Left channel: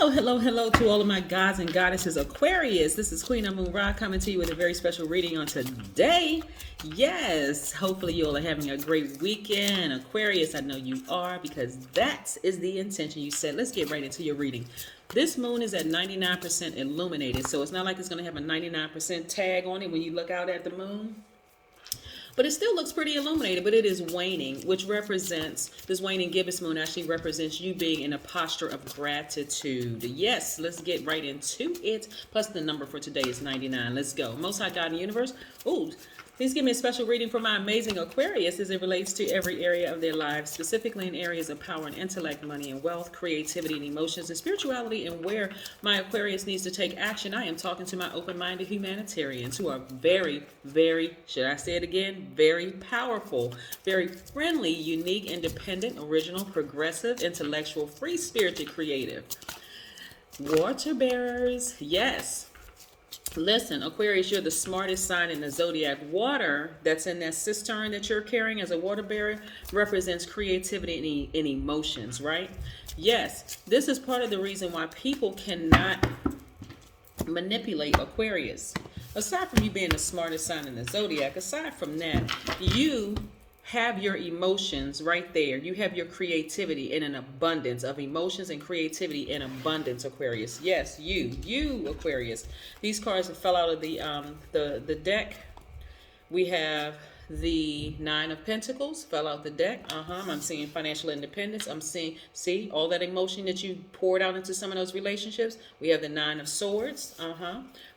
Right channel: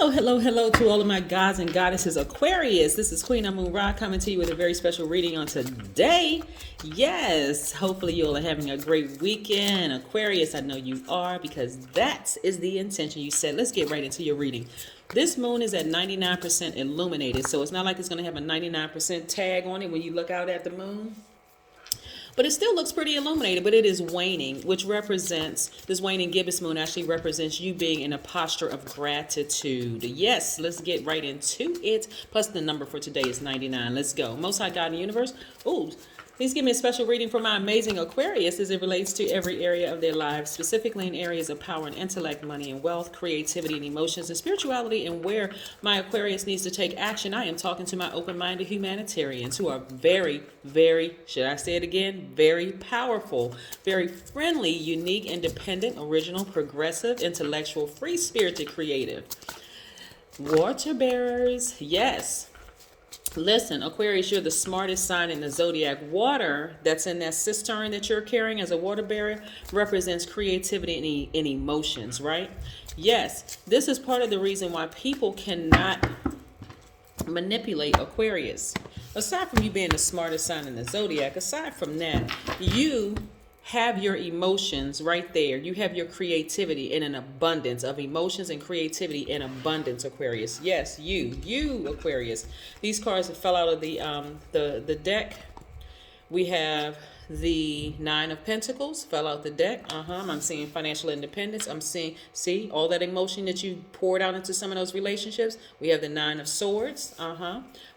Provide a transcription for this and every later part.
Hello to all of my gods and goddesses Aquarius. This is Queen Amun Ra coming to you with a very special reading on today. Yes, hopefully you all are having a great weekend. Aquarius, I know you are, because that is the intention you set. Let's get right into your reading. This moon is at 99% illuminated, so it's not like it's going to have a 99% tag on it when you look out at the moon. But it still looks pretty illuminated, but it is waning, which represents, this waning gibbous moon actually represents you being in a posture of gratitude. Yes, let's get right into it. Plus the number for today is 99. Let's go. Most High God in the universe. Ooh, please give me a special reading for my amazing Aquarius as it relates to every area of their lives, specifically in areas of power and intellect, money and wealth, creativity and emotions, and spirituality, and where my Aquarius needs to take action. I am talking to my open-minded humanitarians who are very, should I say it again, very powerful, very friendly, unique, independent, original, progressive, intellectual, free-spirited, creative. Water bearers, yes. Listen, Aquarius, you're the smartest sign in the Zodiac. Water that's in that cistern that you're carrying as a water bearer represents creativity and emotions, right? Yes, this is part of the reason why people cannot manipulate Aquarius. Aside from you being the smartest sign in the Zodiac, aside from that, you have your emotions right there. You have your creativity in an abundance of emotions and creativity in abundance, Aquarius. Yes, you Aquarius. These cards that fell out of the deck. We have the Nine of Pentacles fell out the deck. I'm seeing financial independence. I'm seeing, see, all that emotion that you poured out into some of those relationships. We have the Nine of Swords.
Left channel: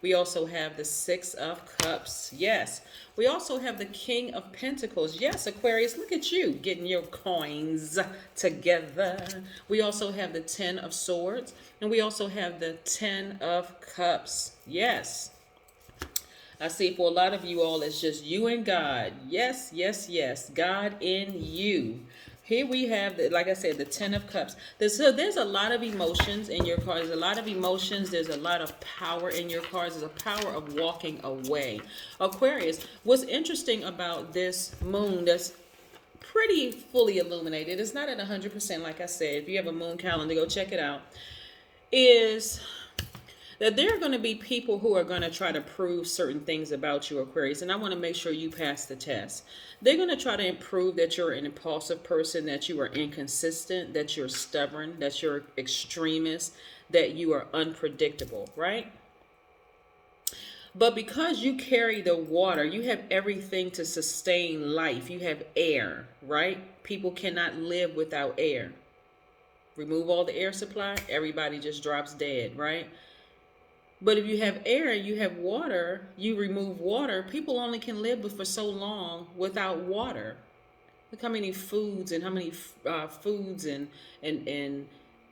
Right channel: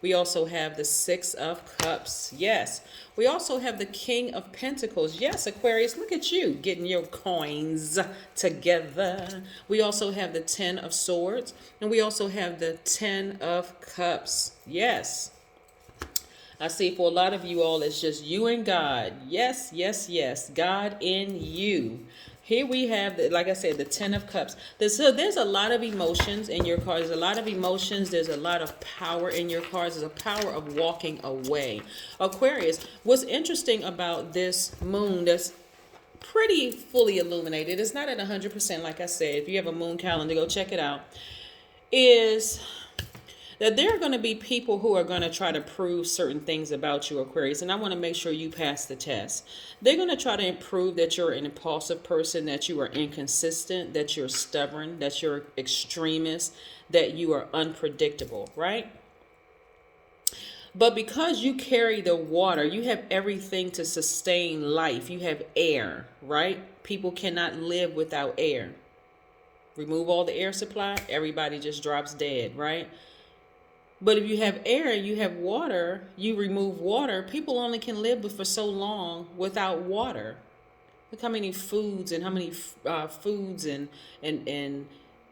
We also have the Six of Cups. Yes. We also have the King of Pentacles. Yes, Aquarius, look at you getting your coins together. We also have the Ten of Swords. And we also have the Ten of Cups. Yes. I see for a lot of you all, it's just you and God. Yes, God in you. Here we have, like I said, the Ten of Cups. There's a lot of emotions in your cards. There's a lot of emotions. There's a lot of power in your cards. There's a power of walking away. Aquarius, what's interesting about this moon that's pretty fully illuminated, it's not at 100%, like I said. If you have a moon calendar, go check it out, is that there are going to be people who are going to try to prove certain things about you, Aquarius, and I want to make sure you pass the test. They're going to try to prove that you're an impulsive person, that you are inconsistent, that you're stubborn, that you're extremist, that you are unpredictable, right? But because you carry the water, you have everything to sustain life. You have air, right? People cannot live without air. Remove all the air supply, everybody just drops dead, right? But if you have air, you have water, you remove water, people only can live for so long without water. Look how many foods and how many foods and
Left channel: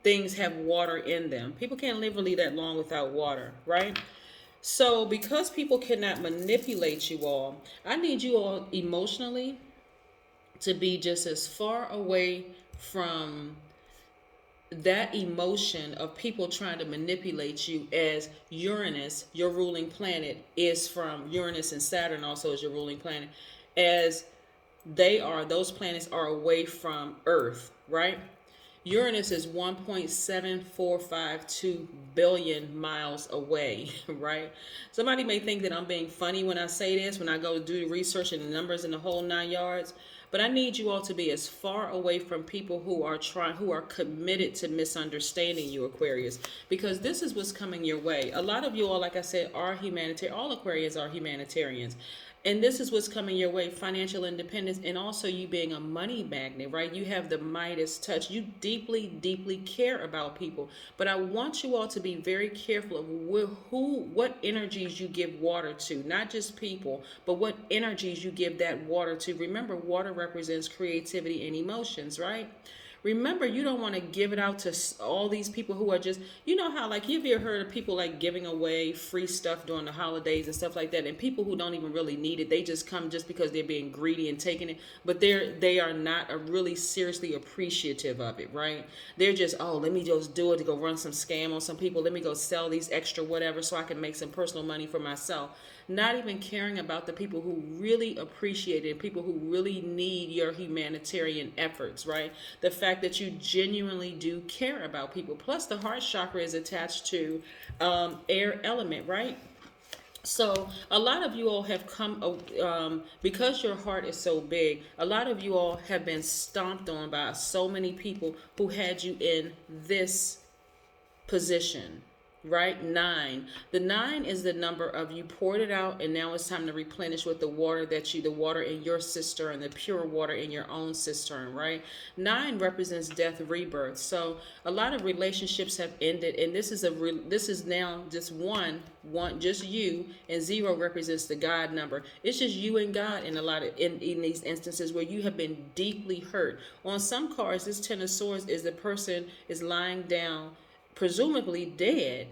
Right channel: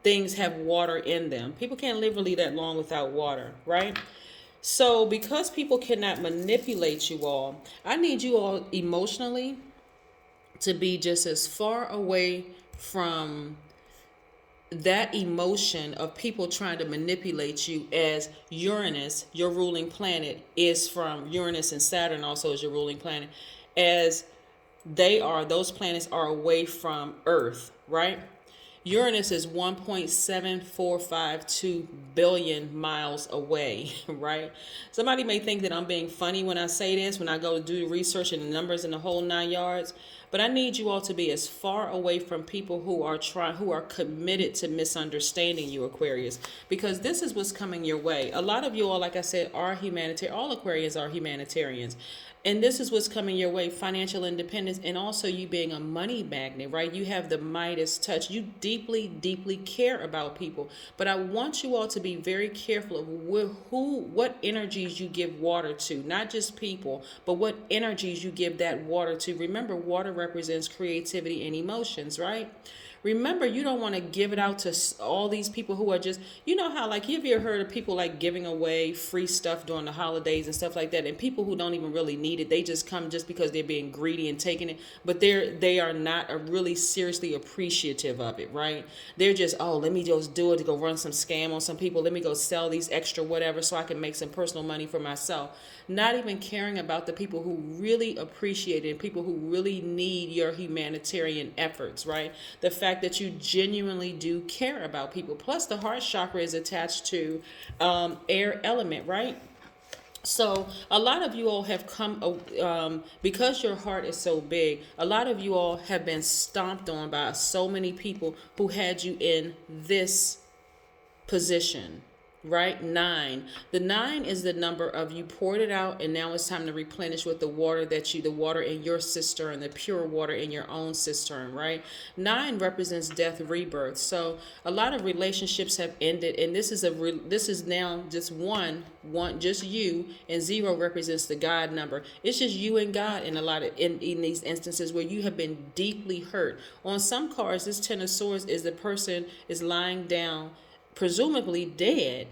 things have water in them. People can't live really that long without water, right? So because people cannot manipulate you all, I need you all emotionally to be just as far away from that emotion of people trying to manipulate you as Uranus, your ruling planet, is from Uranus, and Saturn also is your ruling planet, as those planets are away from Earth, right? Uranus is 1.7452 billion miles away, right? Somebody may think that I'm being funny when I say this, when I go do the research and the numbers and the whole 9 yards. But I need you all to be as far away from people who are committed to misunderstanding you, Aquarius, because this is what's coming your way. A lot of you all, like I said, are humanitarian. All Aquarians are humanitarians. And this is what's coming your way, financial independence, and also you being a money magnet, right? You have the Midas touch. You deeply, deeply care about people. But I want you all to be very careful of what energies you give water to, not just people, but what energies you give that water to. Remember, water represents creativity and emotions, right? Remember, you don't want to give it out to all these people who are just, you know how, like, you've ever heard of people like giving away free stuff during the holidays and stuff like that, and people who don't even really need it, they just come just because they're being greedy and taking it, but they are not really seriously appreciative of it, right? They're just, oh, let me just do it to go run some scam on some people. Let me go sell these extra whatever so I can make some personal money for myself. Not even caring about the people who really appreciate it, people who really need your humanitarian efforts, right? The fact that you genuinely do care about people. Plus, the heart chakra is attached to air element, right? So a lot of you all have come, because your heart is so big, a lot of you all have been stomped on by so many people who had you in this position, right? 9. The 9 is the number of you poured it out, and now it's time to replenish with the water the water in your cistern, the pure water in your own cistern, right? 9 represents death, rebirth. So a lot of relationships have ended, and this is now just one, just you, and 0 represents the God number. It's just you and God in these instances where you have been deeply hurt. On some cards, this 10 of Swords is the person is lying down, presumably dead,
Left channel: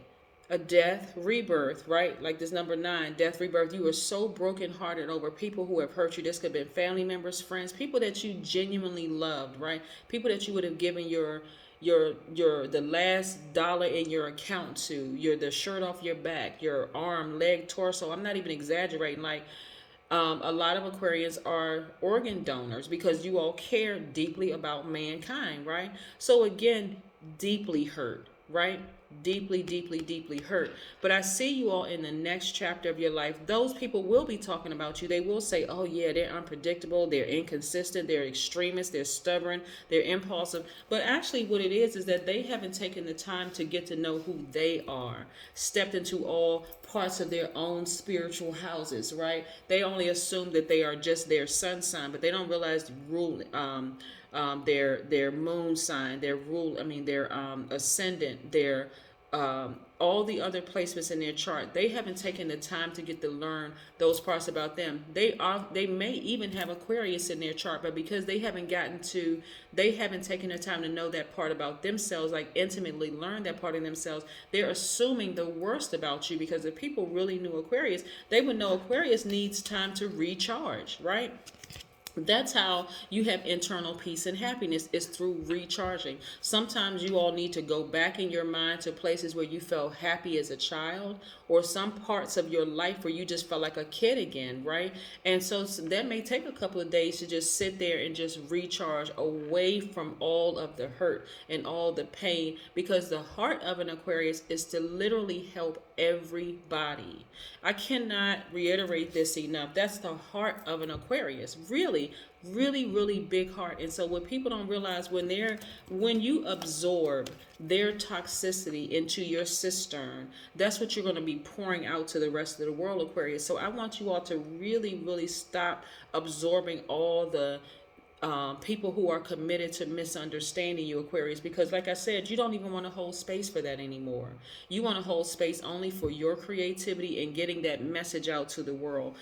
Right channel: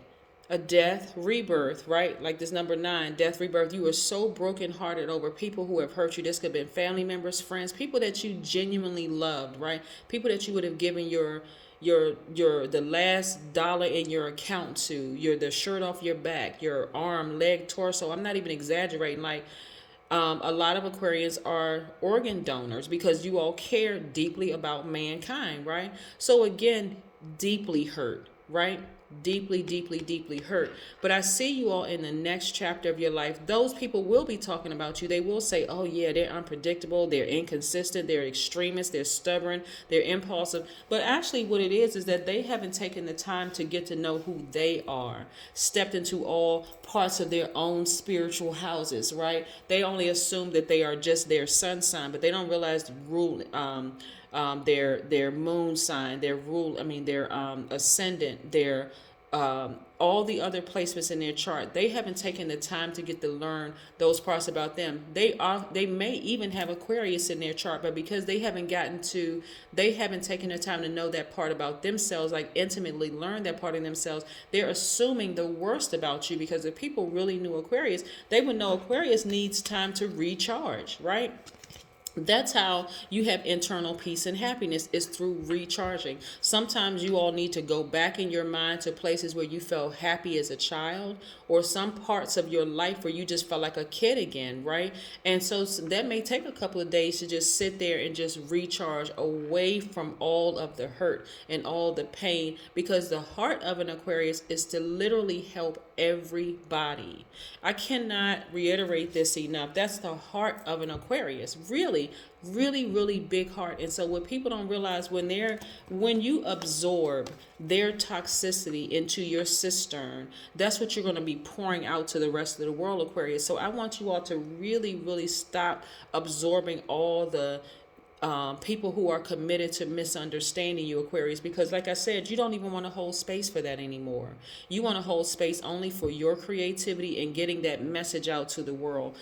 a death, rebirth, right? Like this number 9, death, rebirth. You are so brokenhearted over people who have hurt you. This could have been family members, friends, people that you genuinely loved, right? People that you would have given the last dollar in your account to, the shirt off your back, your arm, leg, torso. I'm not even exaggerating. Like, a lot of Aquarians are organ donors because you all care deeply about mankind, right? So again, deeply hurt, right? Deeply, deeply, deeply hurt. But I see you all in the next chapter of your life. Those people will be talking about you. They will say, oh yeah, they're unpredictable, they're inconsistent, they're extremists, they're stubborn, they're impulsive. But actually what it is that they haven't taken the time to get to know who they are, stepped into all parts of their own spiritual houses, right? They only assume that they are just their sun sign, but they don't realize the rule, their moon sign, their ascendant, their all the other placements in their chart. They haven't taken the time to get to learn those parts about them. They may even have Aquarius in their chart, but because they haven't taken the time to know that part about themselves, like intimately learn that part of themselves, they're assuming the worst about you. Because if people really knew Aquarius, they would know Aquarius needs time to recharge, right? That's how you have internal peace and happiness, is through recharging. Sometimes you all need to go back in your mind to places where you felt happy as a child, or some parts of your life where you just felt like a kid again, right? And so that may take a couple of days to just sit there and just recharge away from all of the hurt and all the pain, because the heart of an Aquarius is to literally help everybody. I cannot reiterate this enough. That's the heart of an Aquarius. Really, really, really big heart. And so what people don't realize, when you absorb their toxicity into your cistern, that's what you're going to be pouring out to the rest of the world, Aquarius. So I want you all to really, really stop absorbing all the people who are committed to misunderstanding you, Aquarius, because like I said, you don't even want to hold space for that anymore. You want to hold space only for your creativity and getting that message out to the world,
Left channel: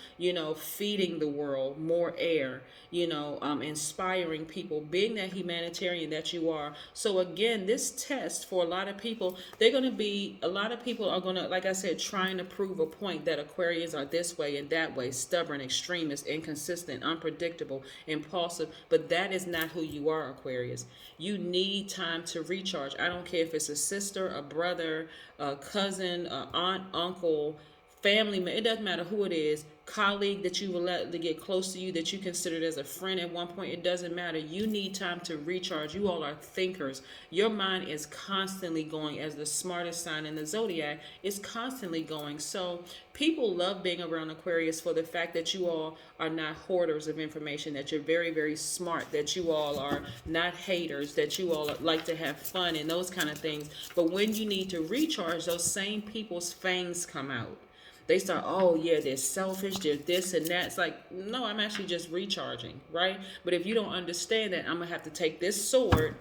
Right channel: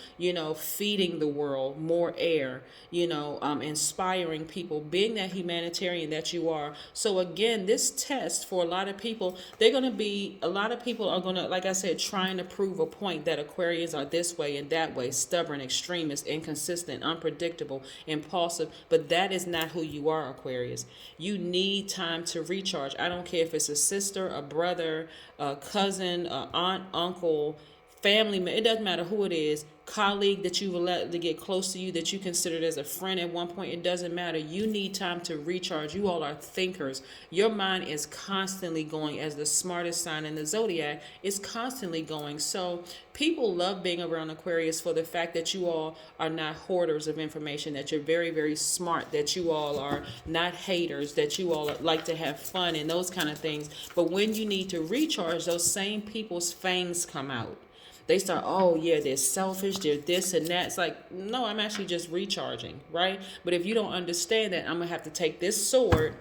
feeding the world more air, inspiring people, being that humanitarian that you are. So again, this test for a lot of people, a lot of people are going to, like I said, trying to prove a point that Aquarians are this way and that way, stubborn, extremist, inconsistent, unpredictable, impulsive. But that is not who you are, Aquarius. You need time to recharge. I don't care if it's a sister, a brother, a cousin, an aunt, uncle, family member. It doesn't matter who it is. Colleague that you will let to get close to you, that you considered as a friend at one point. It doesn't matter. You need time to recharge. You all are thinkers. Your mind is constantly going, as the smartest sign in the Zodiac. It's constantly going. So people love being around Aquarius for the fact that you all are not hoarders of information, that you're very, very smart, that you all are not haters, that you all like to have fun and those kind of things. But when you need to recharge, those same people's fangs come out. They start, oh yeah, they're selfish, they're this and that. It's like, no, I'm actually just recharging, right? But if you don't understand that, I'm going to have to take this sword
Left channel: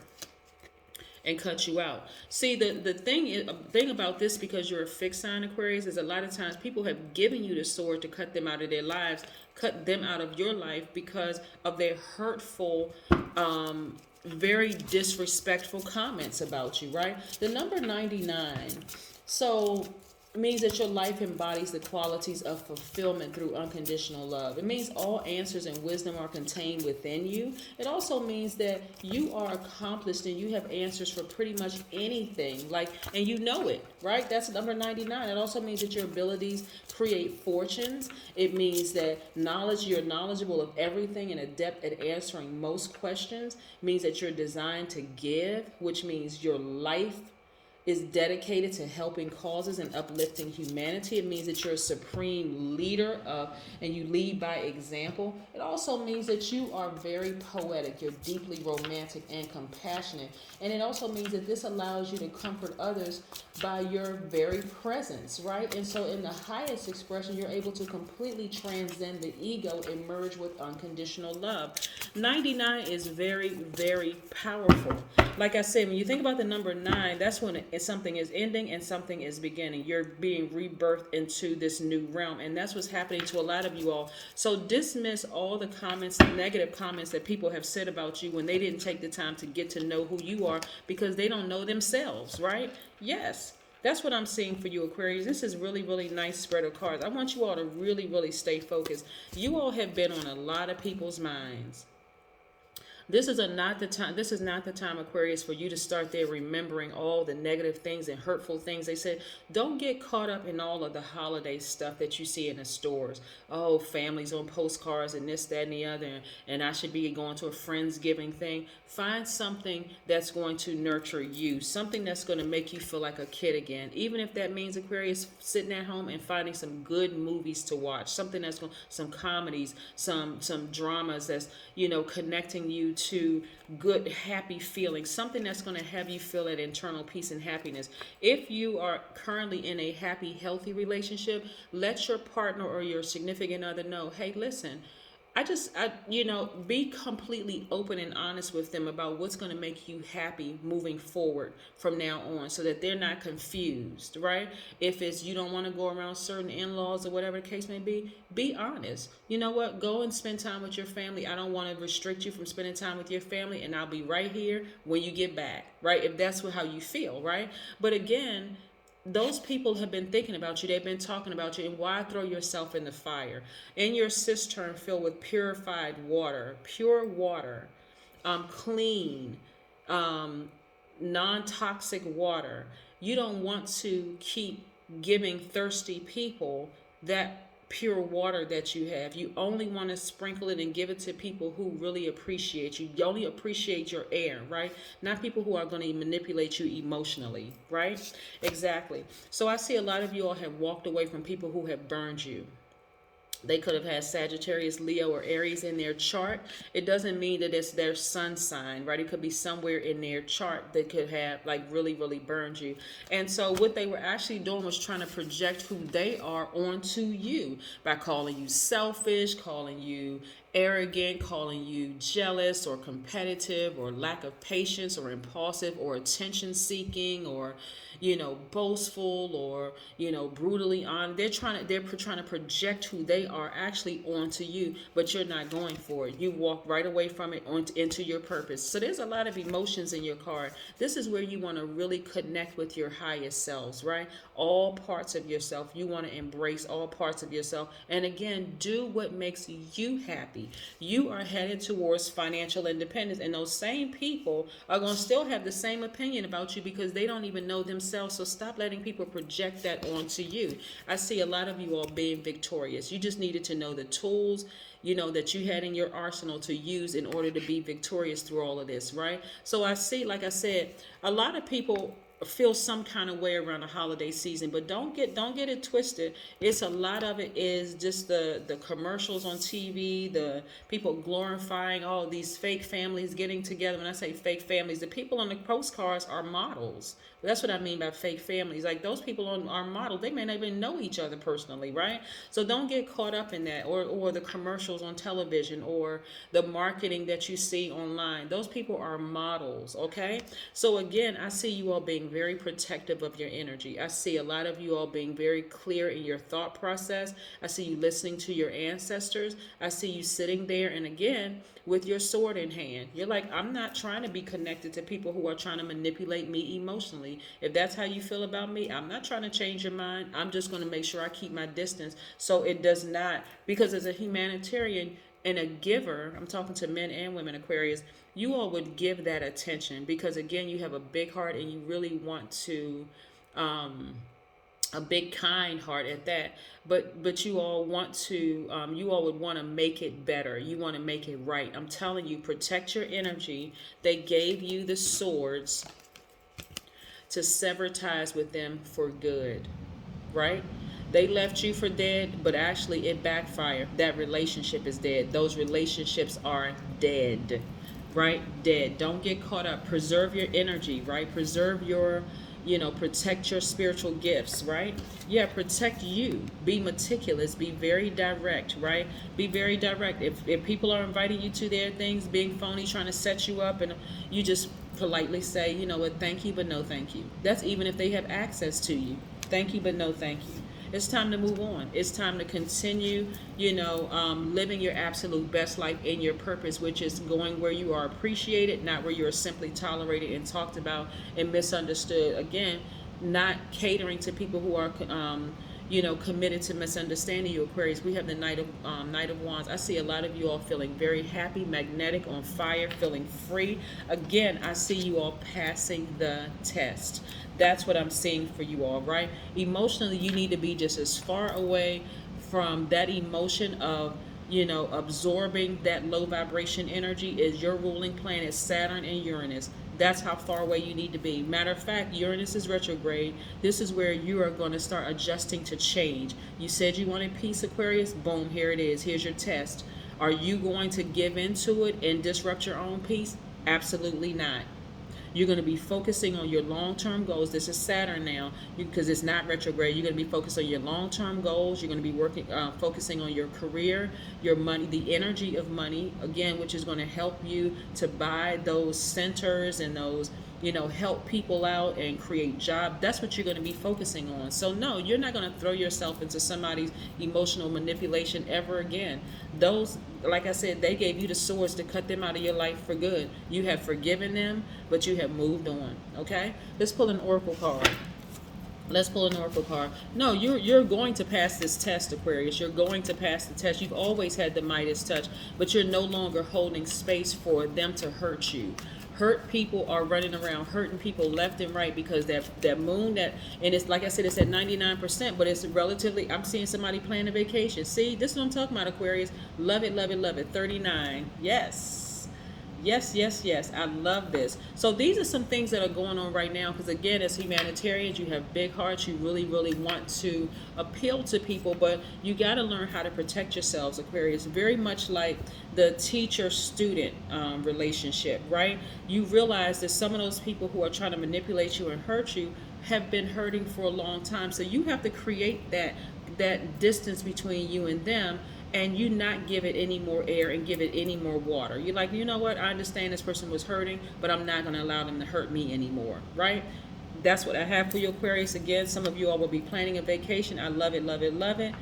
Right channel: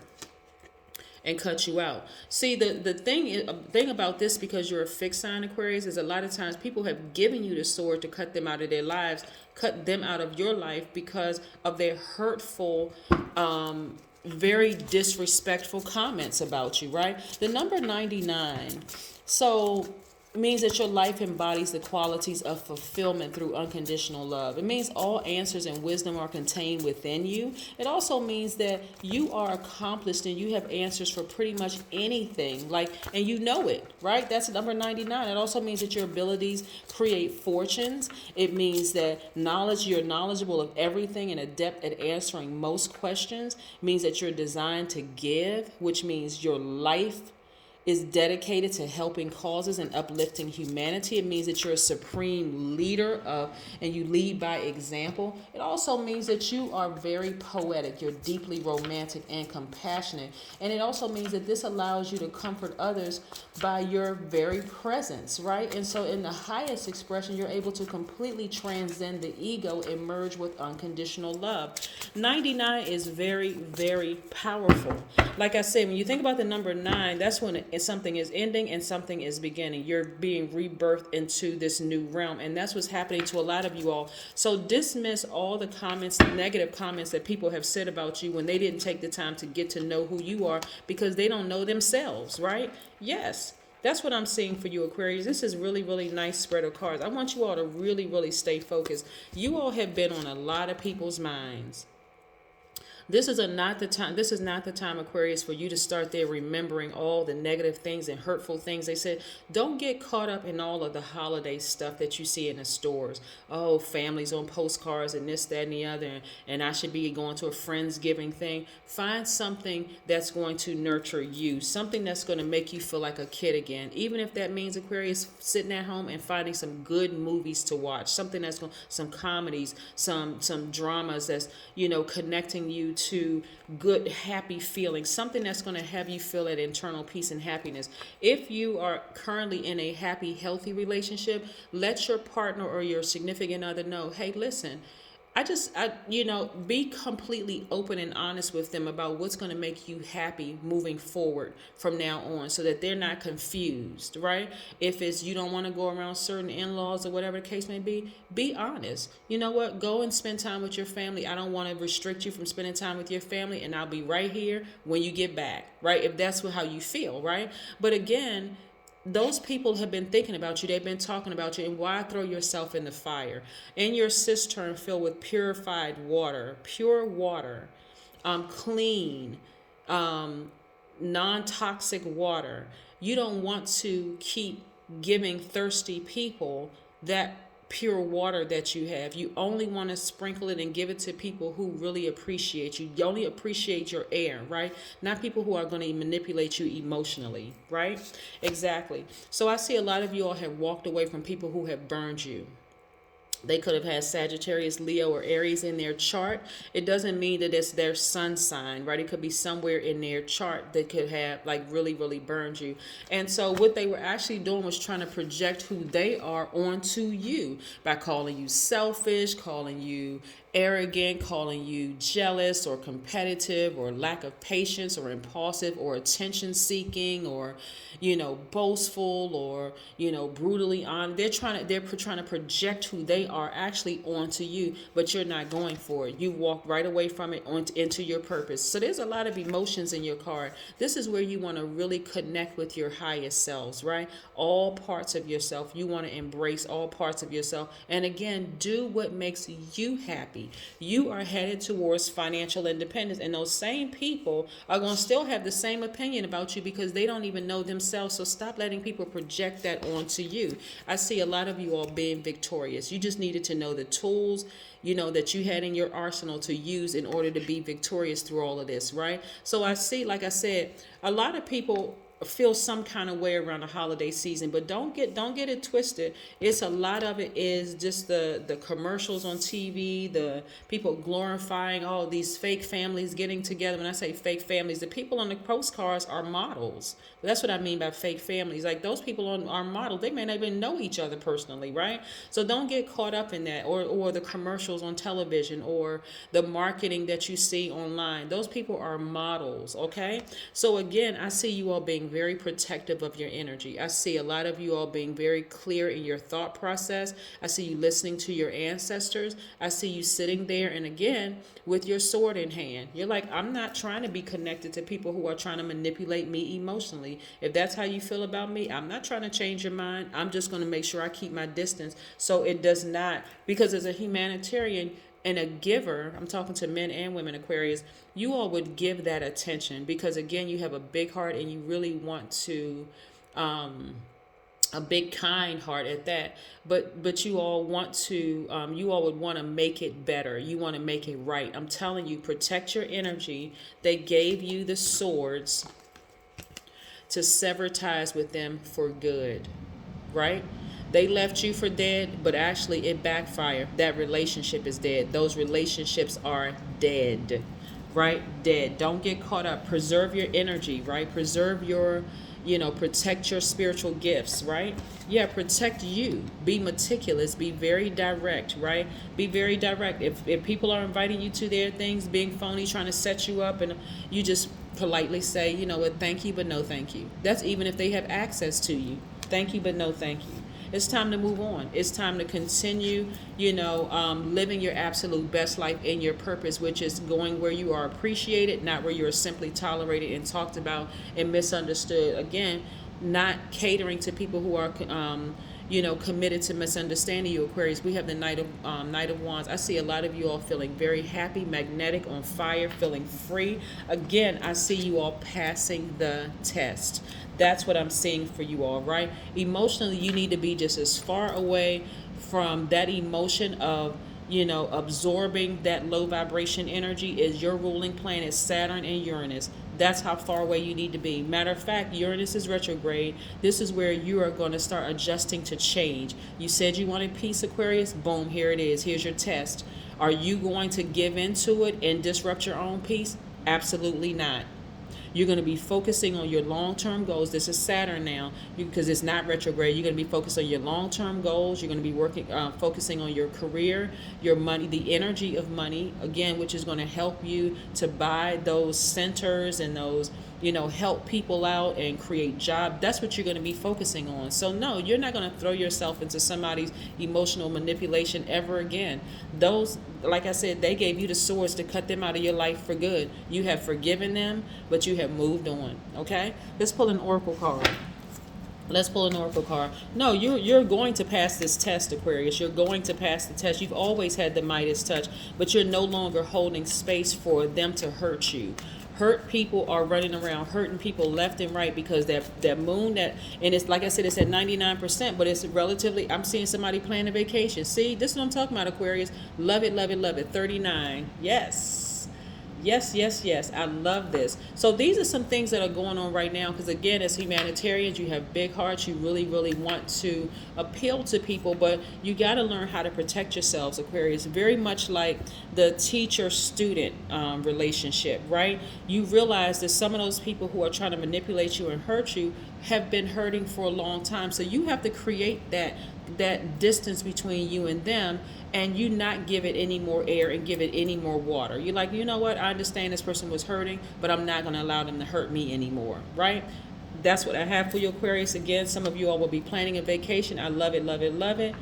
and cut you out. See, the thing about this, because you're a fixed sign, Aquarius, is a lot of times people have given you the sword to cut them out of their lives, cut them out of your life because of their hurtful, very disrespectful comments about you, right? The number 99. So It means that your life embodies the qualities of fulfillment through unconditional love. It means all answers and wisdom are contained within you. It also means that you are accomplished and you have answers for pretty much anything. And you know it, right? That's number 99. It also means that your abilities create fortunes. It means that you're knowledgeable of everything and adept at answering most questions. It means that you're designed to give, which means your life is dedicated to helping causes and uplifting humanity. It means that you're a supreme leader and you lead by example. It also means that you are very poetic. You're deeply romantic and compassionate. And it also means that this allows you to comfort others by your very presence, right? And so in the highest expression, you're able to completely transcend the ego and merge with unconditional love. 99 is very, very powerful. Like I said, when you think about the number 9, that's when something is ending and something is beginning. You're being rebirthed into this new realm, and that's what's happening to a lot of you all. So dismiss all the comments, negative comments that people have said about you when they didn't take the time to get to know who you are, because they don't know themselves, right? Yes. That's what I'm seeing for you, Aquarius. This is really, really nice spread of cards. I want you all to really, really stay focused. You all have been on a lot of people's minds. This is not the time, Aquarius, for you to start there remembering all the negative things and hurtful things they said. Don't get caught up in all of the holiday stuff that you see in the stores. Oh, families on postcards and this, that, and the other, and I should be going to a Friendsgiving thing. Find something that's going to nurture you, something that's going to make you feel like a kid again. Even if that means, Aquarius, sitting at home and finding some good movies to watch, something that's some comedies, some dramas that's, connecting you to good, happy feelings, something that's going to have you feel that internal peace and happiness. If you are currently in a happy, healthy relationship, let your partner or your significant other know, hey, listen, be completely open and honest with them about what's going to make you happy moving forward from now on, so that they're not confused, right? If it's you don't want to go around certain in-laws or whatever the case may be honest. You know what? Go and spend time with your family. I don't want to restrict you from spending time with your family, and I'll be right here when you get back, right? If that's how you feel, right? But again, those people have been thinking about you. They've been talking about you. And why throw yourself in the fire? In your cistern filled with purified water, pure water, clean, non-toxic water. You don't want to keep giving thirsty people that pure water that you have. You only want to sprinkle it and give it to people who really appreciate you. You only appreciate your air, right? Not people who are going to manipulate you emotionally, right? Exactly. So I see a lot of you all have walked away from people who have burned you. They could have had Sagittarius, Leo, or Aries in their chart. It doesn't mean that it's their sun sign, right? It could be somewhere in their chart that could have really, really burned you. And so what they were actually doing was trying to project who they are onto you by calling you selfish, calling you arrogant, calling you jealous or competitive or lack of patience or impulsive or attention seeking or boastful or brutally on. They're trying to project who they are actually onto you, but you're not going for it. You walk right away from it into your purpose. So there's a lot of emotions in your card. This is where you want to really connect with your highest selves, right? All parts of yourself. You want to embrace all parts of yourself. And again, do what makes you happy. You are headed towards financial independence, and those same people are going to still have the same opinion about you because they don't even know themselves. So stop letting people project that onto you. I see a lot of you all being victorious. You just needed to know the tools that you had in your arsenal to use in order to be victorious through all of this, right? So I see, like I said, a lot of people feel some kind of way around the holiday season, but don't get it twisted. It's a lot of it is just the commercials on TV, the people glorifying all these fake families getting together. When I say fake families, the people on the postcards are models. That's what I mean by fake families. Like those people are models. They may not even know each other personally, right? So don't get caught up in that, or the commercials on television, or the marketing that you see online. Those people are models, okay? So again, I see you all being very protective of your energy. I see a lot of you all being very clear in your thought process. I see you listening to your ancestors. I see you sitting there, and again, with your sword in hand. You're like, I'm not trying to be connected to people who are trying to manipulate me emotionally. If that's how you feel about me, I'm not trying to change your mind. I'm just going to make sure I keep my distance so it does not, because as a humanitarian and a giver, I'm talking to men and women, Aquarius, you all would give that attention because, again, you have a big heart and you really want to, a big kind heart at that. But you all want to, you all would want to make it better. You want to make it right. I'm telling you, protect your energy. They gave you the swords to sever ties with them for good, right? They left you for dead, but actually it backfired. That relationship is dead. Those relationships are dead, right? Dead. Don't get caught up. Preserve your energy, right? Preserve your, protect your spiritual gifts, right? Yeah, protect you. Be meticulous. Be very direct, right? Be very direct. If people are inviting you to their things, being phony, trying to set you up, and you just politely say, you know what, thank you, but no thank you. That's even if they have access to you. Thank you, but no thank you. It's time to move on. It's time to continue, living your absolute best life in your purpose, which is going where you are appreciated, not where you're simply tolerated and talked about and misunderstood. Again, not catering to people who are, committed to misunderstanding you, Aquarius. We have the Knight of Wands. I see a lot of you all feeling very happy, magnetic, on fire, feeling free. Again, I see you all passing the test. That's what I'm seeing for you all, right? Emotionally, you need to be just as far away from that emotion of, absorbing that low vibration energy as your ruling planet, Saturn and Uranus. That's how far away you need to be. Matter of fact, Uranus is retrograde. This is where you are going to start adjusting to change. You said you wanted peace, Aquarius. Boom, here it is. Here's your test. Are you going to give into it and disrupt your own peace? Absolutely not. You're going to be focusing on your long-term goals. This is Saturn now, because it's not retrograde. You're going to be focused on your long-term goals. You're going to be focusing on your career, your money, the energy of money, again, which is going to help you to buy those centers and those, help people out and create jobs. That's what you're going to be focusing on. So no, you're not going to throw yourself into somebody's emotional manipulation ever again. Those, like I said, they gave you the swords to cut them out of your life for good. You have forgiven them, but you have moved on. Okay? Let's pull an oracle card. Let's pull an oracle card. No, you're going to pass this test, Aquarius. You're going to pass the test. You've always had the Midas touch, but you're no longer holding space for them to hurt you. Hurt people are running around hurting people left and right because that moon, and it's like I said, it's at 99%, but it's relatively, I'm seeing somebody planning a vacation. See, this is what I'm talking about, Aquarius. Love it, love it, love it. 39. Yes. Yes, yes, yes. I love this. So these are some things that are going on right now because, again, as humanitarians, you have big hearts. You really, really want to appeal to people, but you got to learn how to protect yourselves, Aquarius. Very much like the teacher-student relationship, right? You realize that some of those people who are trying to manipulate you and hurt you have been hurting for a long time. So you have to create that distance between you and them, and you not give it any more air and give it any more water. You're like, you know what? I understand this person was hurting, but I'm not going to allow them to hurt me anymore, right? That's what I have for you, Aquarius. Again, some of you all will be planning a vacation. I love it, love it, love it.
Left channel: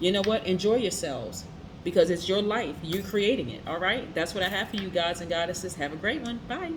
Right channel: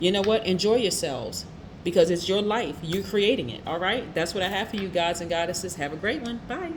You know what? Enjoy yourselves because it's your life. You're creating it, all right? That's what I have for you, gods and goddesses. Have a great one. Bye.